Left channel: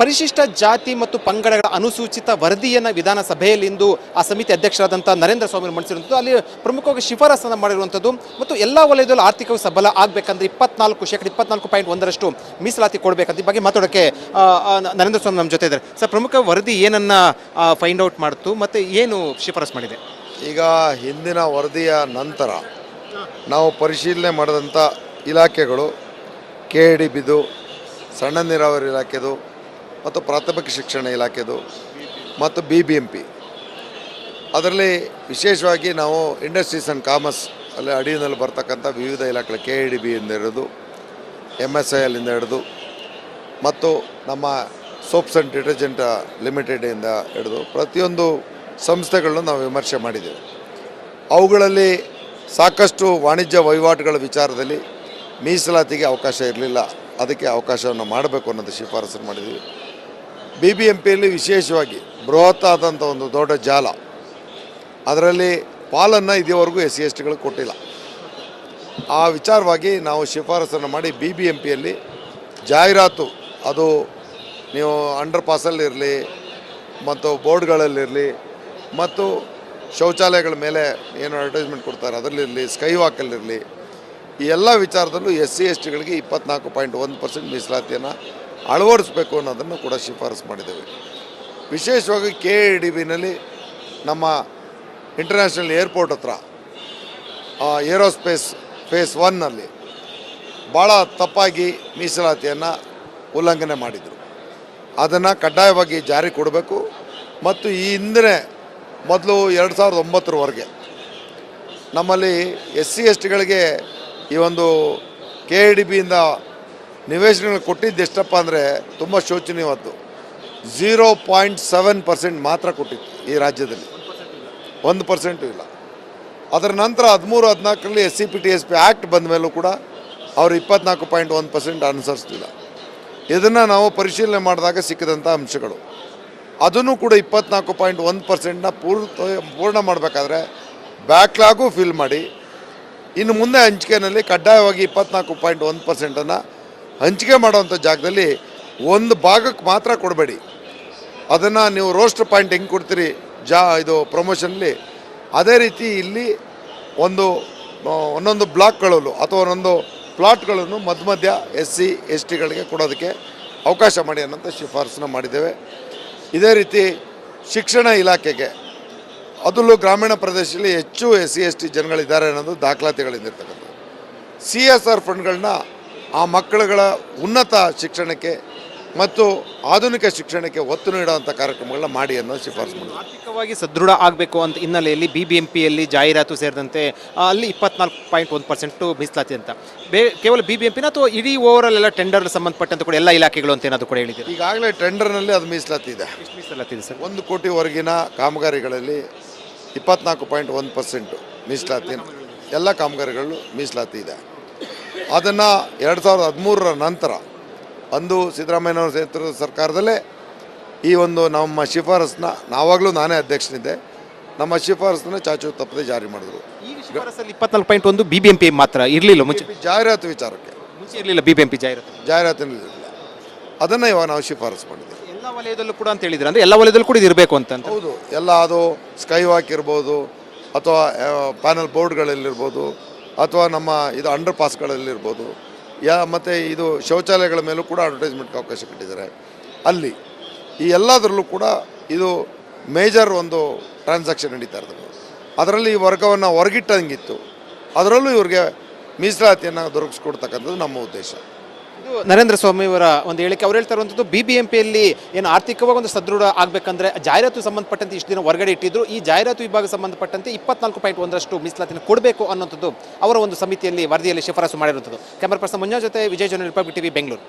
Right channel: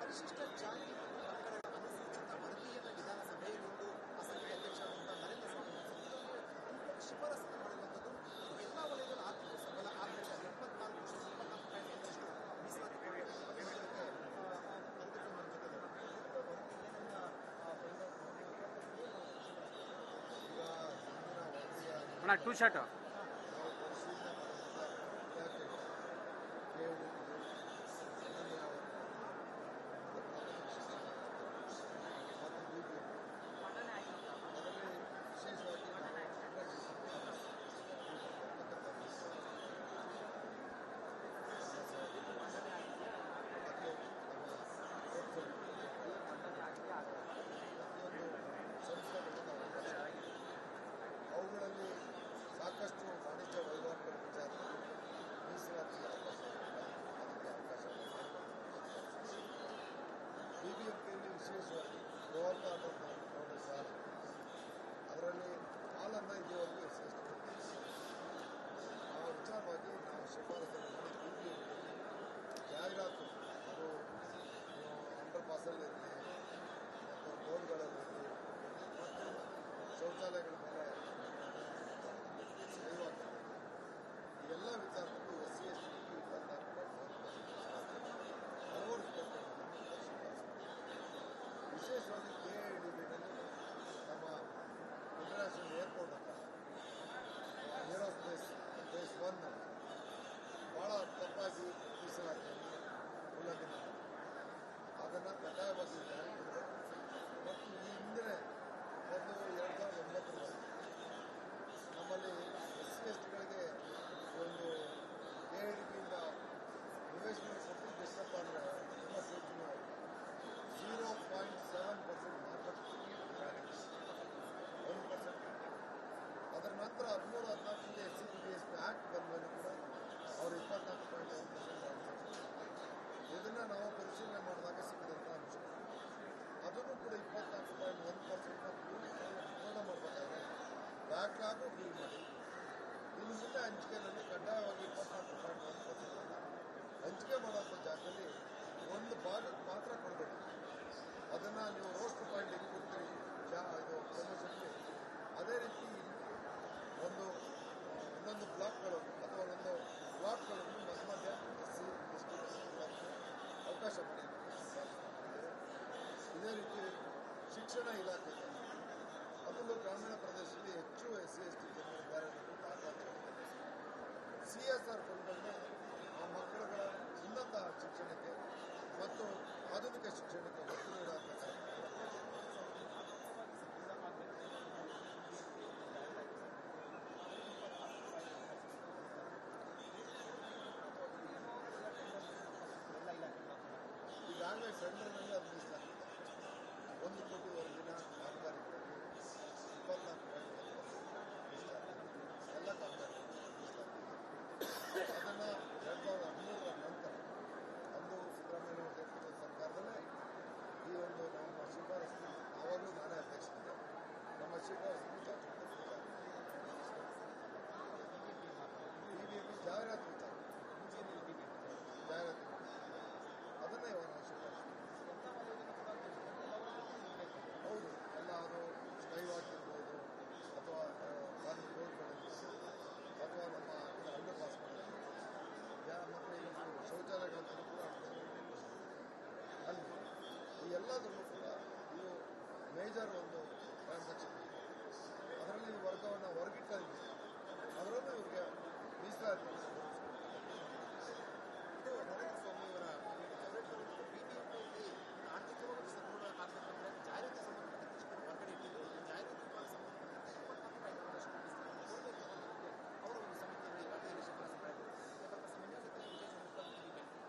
ಪರಿಶಿಷ್ಟ ಜಾತಿ ಮತ್ತು ಪಂಗಡಗಳ ಅನುಸೂಚಿತ ವರದಿಯನ್ನು ವಿಧಾನಸಭೆಯಲ್ಲಿಂದು ಆ ಸಮಿತಿ ಅಧ್ಯಕ್ಷರಾದಂಥ ನರೇಂದ್ರ ಸ್ವಾಮಿ ಮಂಡಿಸಿರುವಂಥದ್ದು. ಅಲ್ಲಿ ಪ್ರಮುಖವಾಗಿ ಶಿಫಾರಸನ್ನು ಮಾಡಿರುವಂಥದ್ದು ಮತ್ತು ಎಲ್ಲ ವಲಯದಲ್ಲೂ ಆರ್ಥಿಕವಾಗಿ ಸಬಲ ಆಗಬೇಕಂದ್ರೆ 24% ಮೀಸಲಾತಿ ಕೊಡಬೇಕಂತ ಈ ಬಗ್ಗೆ ಮಾತಾಡೋಕ್ಕೆ ನರೇಂದ್ರ ಸ್ವಾಮಿ ನಮ್ಮ ಜೊತೆ ಇದ್ದಾರೆ. ಸರ್, ಪ್ರಮುಖ ವರದಿ ಏನನ್ನ ಫೈಂಡ್ ಔಟ್ ಮಾಡ್ತು ಮತ್ತು ಏನು ಶಿಫಾರಸು ಮಾಡಿದೆ? ಈಗ ಹಿಂದಿನ ವರದಿಯ ನಂತರ ನಾವು ಪರಿಶೀಲನೆ ಮಾಡಿದಂಥ ಇಲಾಖೆಗಳು KADBದು, ಸಣ್ಣ ನೀರಾವರಿ ಇಲಾಖೆದು ಮತ್ತು ಪ್ರಾಥಮಿಕ ಶಿಕ್ಷಣ ಇಲಾಖೆದು ಮತ್ತು BBMP. ಅದರಲ್ಲಿ ವಿಶೇಷವಾಗಿ ನಾವು ಇಂಡಸ್ಟ್ರೀಸ್ ಆ್ಯಂಡ್ ಕಾಮರ್ಸ್ ಅಲ್ಲಿ ಅಡಿಯಲ್ಲಿ ಬರ್ತಕ್ಕಂಥ ವಿವಿಧ ಇಲಾಖೆಗಳು KADBಯಿಂದ ಹಿಡಿದು MSILಯಿಂದ ಹಿಡಿದು ಮತ್ತು ನಮ್ಮ ಸೋಪ್ಸ್ ಆ್ಯಂಡ್ ಡಿಟರ್ಜೆಂಟ್ ಲಿಮಿಟೆಡಿಂದ ಹಿಡಿದು ಪ್ರತಿಯೊಂದು ಸಂಸ್ಥೆಗಳನ್ನು ನಾವು ವಿಮರ್ಶೆ ಮಾಡಿದ್ದೇವೆ. ಅವುಗಳಲ್ಲಿ ಸಾಕಷ್ಟು ವಾಣಿಜ್ಯ ವಹಿವಾಟುಗಳ ವಿಚಾರದಲ್ಲಿ ಮೀಸಲಾತಿಗೆ ಅವಕಾಶ ಇರಲಿಲ್ಲ, ಅದಕ್ಕೆ ಅವಕಾಶವನ್ನು ಮಾಡಬೇಕು ಅನ್ನೋದು ಶಿಫಾರಸನ್ನು ಮಾಡಿದ್ದೀವಿ. BBMPಯಲ್ಲಿ ವಿಶೇಷವಾಗಿ ಬೃಹತ್ ಆದಂಥ ಒಂದು ದೊಡ್ಡ ಜಾಲ, ಅದರಲ್ಲಿ ಪಾಲನ್ನು ಇದುವರೆಗೂ SC/STಗಳು ಕೊಟ್ಟಿಲ್ಲ. ಆ ವಿಚಾರವಾಗಿ ನಾವು ಶಿಫಾರಸನ್ನು ಮಾಡಿ BBMPಯಲ್ಲಿ ಜಾಹೀರಾತು, ಅದು ನೀವು ಅಂಡರ್ ಪಾಸಲ್ಲಿರಲಿ ಮತ್ತು ಬೋರ್ಡ್ಗಳಲ್ಲಿರಲಿ ಮತ್ತು ಶೌಚಾಲಯಗಳ ಮೇಲೆ ಏನು ಅಡ್ವರ್ಟೈಸ್ಮೆಂಟ್ ಕೊಡ್ತಾರೆ ಅದರಲ್ಲಿರಲಿ, ಸ್ಕೈ ವಾಕಲ್ಲಿರಲಿ, ಈ ಎಲ್ಲ ವಿಚಾರದಲ್ಲೂ SC/STಗಳಿಗೆ 24.1% ಮೀಸಲಾತಿಯನ್ನು ಅಳವಡಿಸಬೇಕು ಅನ್ನೋದನ್ನು ಕೂಡ ಶಿಫಾರಸು ಮಾಡಿದ್ದೇವೆ. ವಿಶೇಷವಾಗಿ KADBನಲ್ಲಿ ನಮ್ಮ ಇಂಟರ್ನ್ಯಾಷನಲ್ ಏರ್ಪೋರ್ಟ್ ಹತ್ರ ಏರೋಸ್ಪೇಸ್ ಫೇಸ್ 1ನಲ್ಲಿ ಭಾಳ ತಪ್ಪಾಗಿ ಮೀಸಲಾತಿಯನ್ನು ಉಲ್ಲಂಘನೆ ಮಾಡಿದರು. ಅದನ್ನು ಕಡ್ಡಾಯವಾಗಿ ಜಾರಿ ಕೊಡಬೇಕು ಮತ್ತು ಈ ಹಿಂದೆ ಮೊದಲು 2009ರವರೆಗೆ ನಮ್ಮಲ್ಲಿ SC/STಗಳಿಗೆ ಈ ಒಂದು KADBಯಿಂದ ನಿವೇಶನಗಳು ಕೊಟ್ಟಿದ್ದು ಎಷ್ಟಪ್ಪ ಅಂದರೆ ತುಂಬ ಶೋಚನೀಯವಾದ್ದು. 0.7% ಮಾತ್ರ ಕೊಟ್ಟಿತ್ತು ಈ ರಾಜ್ಯದಲ್ಲಿ, 1% ಇಲ್ಲ. ಅದರ ನಂತರ 13-14ರಲ್ಲಿ SCPTSP ಆ್ಯಕ್ಟ್ ಬಂದ ಮೇಲೂ ಕೂಡ ಅವರು 24.1% ಅನುಸರಿಸಲಿಲ್ಲ. ಇದನ್ನು ನಾವು ಪರಿಶೀಲನೆ ಮಾಡಿದಾಗ ಸಿಕ್ಕಿದಂಥ ಅಂಶಗಳು. ಅದನ್ನು ಕೂಡ 24.1%ನ ಪೂರ್ಣ ಮಾಡಬೇಕಾದ್ರೆ ಬ್ಯಾಕ್ಲಾಗು ಫಿಲ್ ಮಾಡಿ ಇನ್ನು ಮುಂದೆ ಹಂಚಿಕೆಯಲ್ಲಿ ಕಡ್ಡಾಯವಾಗಿ 24.1%ನ್ನು ಹಂಚಿಕೆ ಮಾಡುವಂಥ ಜಾಗದಲ್ಲಿ ಒಂದು ಭಾಗಕ್ಕೆ ಮಾತ್ರ ಕೊಡಬೇಡಿ. ಅದನ್ನು ನೀವು ರೋಸ್ಟರ್ ಪಾಯಿಂಟ್ ಹೆಂಗೆ ಕೊಡ್ತೀರಿ ಇದು ಪ್ರಮೋಷನಲ್ಲಿ, ಅದೇ ರೀತಿ ಇಲ್ಲಿ ಒಂದೊಂದು ಬ್ಲಾಕ್ಗಳಲ್ಲೂ ಅಥವಾ ಒಂದೊಂದು ಪ್ಲಾಟ್ಗಳನ್ನು ಮಧ್ಯ SC/STಗಳಿಗೆ ಕೊಡೋದಕ್ಕೆ ಅವಕಾಶ ಮಾಡಿ ಅನ್ನೋಂಥ ಶಿಫಾರಸನ್ನ ಮಾಡಿದ್ದೇವೆ. ಇದೇ ರೀತಿ ಶಿಕ್ಷಣ ಇಲಾಖೆಗೆ, ಅದರಲ್ಲೂ ಗ್ರಾಮೀಣ ಪ್ರದೇಶದಲ್ಲಿ ಹೆಚ್ಚು SC/ST ಜನಗಳಿದ್ದಾರೆ ಅನ್ನೋದು ದಾಖಲಾತಿಗಳಿಂದಿರ್ತಕ್ಕಂಥದ್ದು. CSR ಫಂಡ್ಗಳನ್ನ ಆ ಮಕ್ಕಳುಗಳ ಉನ್ನತ ಶಿಕ್ಷಣಕ್ಕೆ ಮತ್ತು ಆಧುನಿಕ ಶಿಕ್ಷಣಕ್ಕೆ ಒತ್ತು ನೀಡುವಂಥ ಕಾರ್ಯಕ್ರಮಗಳನ್ನ ಮಾಡಿ ಅನ್ನೋ ಶಿಫಾರಸು ಮಾಡಿ. ಆರ್ಥಿಕವಾಗಿ ಸದೃಢ ಆಗಬೇಕು ಅಂತ ಹಿನ್ನೆಲೆಯಲ್ಲಿ BBMPಯಲ್ಲಿ ಜಾಹೀರಾತು ಸೇರಿದಂತೆ ಅಲ್ಲಿ 24.1% ಮೀಸಲಾತಿ ಅಂತ ಕೇವಲ BBMPನ ಅಥವಾ ಇಡೀ ಓವರಾಲ್ ಎಲ್ಲ ಟೆಂಡರ್ ಸಂಬಂಧಪಟ್ಟಂತೆ ಕೂಡ ಎಲ್ಲ ಇಲಾಖೆಗಳು ಅಂತ ಏನಾದರೂ ಕೂಡ ಹೇಳಿದ್ದೀರಿ? ಈಗಾಗಲೇ ಟೆಂಡರ್ನಲ್ಲಿ ಅದು ಮೀಸಲಾತಿ ಇದೆ. ಮೀಸಲಾತಿ ಇದೆ ಸರ್. 1 ಕೋಟಿವರೆಗಿನ ಕಾಮಗಾರಿಗಳಲ್ಲಿ 24.1% ಮೀಸಲಾತಿ ಎಲ್ಲ ಕಾಮಗಾರಿಗಳು ಮೀಸಲಾತಿ ಇದೆ. ಅದನ್ನು 2013ರ ನಂತರ ಅಂದು ಸಿದ್ದರಾಮಯ್ಯನವರ ನೇತೃತ್ವದ ಸರ್ಕಾರದಲ್ಲೇ ಈ ಒಂದು ನಮ್ಮ ಶಿಫಾರಸನ್ನ, ನಾವಾಗಲೂ ನಾನೇ ಅಧ್ಯಕ್ಷನಿದ್ದೆ, ನಮ್ಮ ಶಿಫಾರಸನ್ನ ಚಾಚು ತಪ್ಪದೆ ಜಾರಿ ಮಾಡಿದ್ರು. ಈ ಶಿಫಾರಸಲ್ಲಿ 24.1 BBMP ಮಾತ್ರ ಇರಲಿಲ್ಲ. ಮುಂಚೆ ಜಾಹೀರಾತು ವಿಚಾರಕ್ಕೆ ಮುಂಚೆ ಇರಲಿಲ್ಲ BBMP ಜಾಹೀರಾತಿನಲ್ಲಿ ಅದನ್ನು ಇವಾಗ ನಾವು ಶಿಫಾರಸು ಮಾಡಿದ್ದೇವೆ. ಎಲ್ಲ ವಲಯದಲ್ಲೂ ಕೂಡ ಅಂತ ಹೇಳಿದ್ರೆ, ಅಂದರೆ ಎಲ್ಲ ವಲಯದಲ್ಲೂ ಕೂಡ ಇದು ಇರಬೇಕು ಅಂತ. ಹೌದು, ಎಲ್ಲ ಅದು ಸ್ಕೈ ವಾಕ್ ಇರ್ಬೋದು ಅಥವಾ ಪ್ಯಾನಲ್ ಬೋರ್ಡ್ಗಳಲ್ಲಿರ್ಬೋದು ಅಥವಾ ನಮ್ಮ ಇದು ಅಂಡರ್ ಪಾಸ್ಗಳಲ್ಲಿರ್ಬೋದು, ಮತ್ತು ಇದು ಶೌಚಾಲಯಗಳ ಮೇಲೂ ಕೂಡ ಅಡ್ವರ್ಟೈಸ್ಮೆಂಟ್ಗೆ ಅವಕಾಶ ಕೊಟ್ಟಿದ್ದಾರೆ. ಅಲ್ಲಿ ಈ ಎಲ್ಲದರಲ್ಲೂ ಕೂಡ ಇದು ಮೇಜರ್ ಒಂದು ಟ್ರಾನ್ಸಾಕ್ಷನ್ ನಡೀತಾ ಇರ್ತದೆ. ಅದರಲ್ಲಿ ಈ ವರ್ಗವನ್ನು ಹೊರಗಿಟ್ಟಂಗಿತ್ತು, ಅದರಲ್ಲೂ ಇವ್ರಿಗೆ ಮೀಸಲಾತಿಯನ್ನು ದೊರಕಿಸ್ಕೊಡ್ತಕ್ಕಂಥದ್ದು ನಮ್ಮ ಉದ್ದೇಶ. ಇದು ನರೇಂದ್ರ ಸ್ವಾಮಿ ಅವರ ಒಂದು ಹೇಳಿಕೆ. ಅವ್ರು ಹೇಳ್ತಾ ಇರುವಂಥದ್ದು BBMPಯಲ್ಲಿ ಏನು ಆರ್ಥಿಕವಾಗಿ ಒಂದು ಸದೃಢ ಆಗಬೇಕಂದ್ರೆ ಜಾಹೀರಾತು ಸಂಬಂಧಪಟ್ಟಂತೆ ಇಷ್ಟು ದಿನ ಹೊರಗಡೆ ಇಟ್ಟಿದ್ರು, ಈ ಜಾಹೀರಾತು ವಿಭಾಗ ಸಂಬಂಧಪಟ್ಟಂತೆ 24.1% ಮೀಸಲಾತಿನ ಕೊಡಬೇಕು ಅನ್ನೋಂಥದ್ದು ಅವರ ಒಂದು ಸಮಿತಿಯಲ್ಲಿ ವರದಿಯಲ್ಲಿ ಶಿಫಾರಸು ಮಾಡಿರುವಂಥದ್ದು. ಕ್ಯಾಮರಾ ಪರ್ಸನ್ ಮಂಜುನಾಥ್ ಜೊತೆ ವಿಜಯ್ ಜನ, ರಿಪಬ್ಲಿಕ್ TV, ಬೆಂಗಳೂರು.